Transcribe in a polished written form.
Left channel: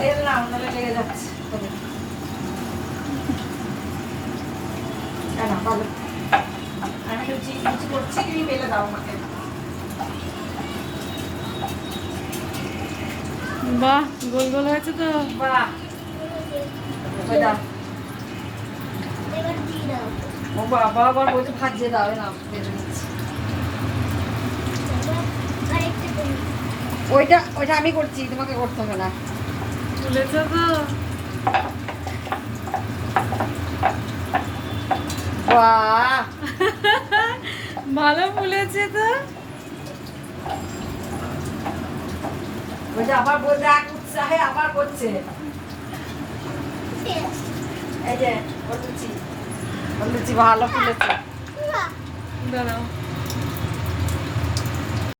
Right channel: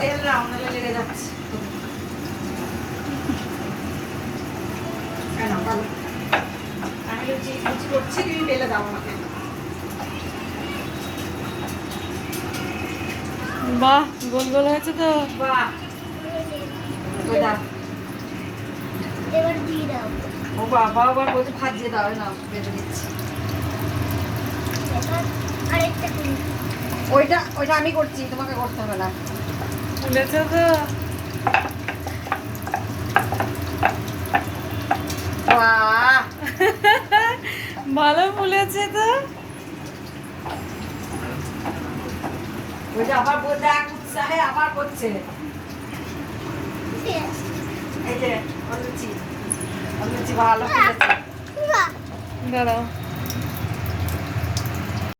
তেল না নাহলে লেগে যাচ্ছে। কেন ভালো, আমি লুচি লুচি করছি, তুমি বেলে দাও আমাকে। বাহ, গোল গোল হয়েছে তো। বাহ, ওই দাও। এবার দিয়ে দাও। ও বাবা, আবার বলছে ভাজিয়ে দাও। না বেলে দিচ্ছি। এবার আরেকটা দিন। ওইটা ওইটা আমি করছি, তোমাকে করতে হবে না। ফুলেছে তো। বাহ, ভালো ফুলেছে তো। ওইটা আবার বলতে এক উৎসাহে আবার করছে। শেষ। এই যে ওর লুচি ভালো ফুলেছে। বাহ। দাঁড়াও।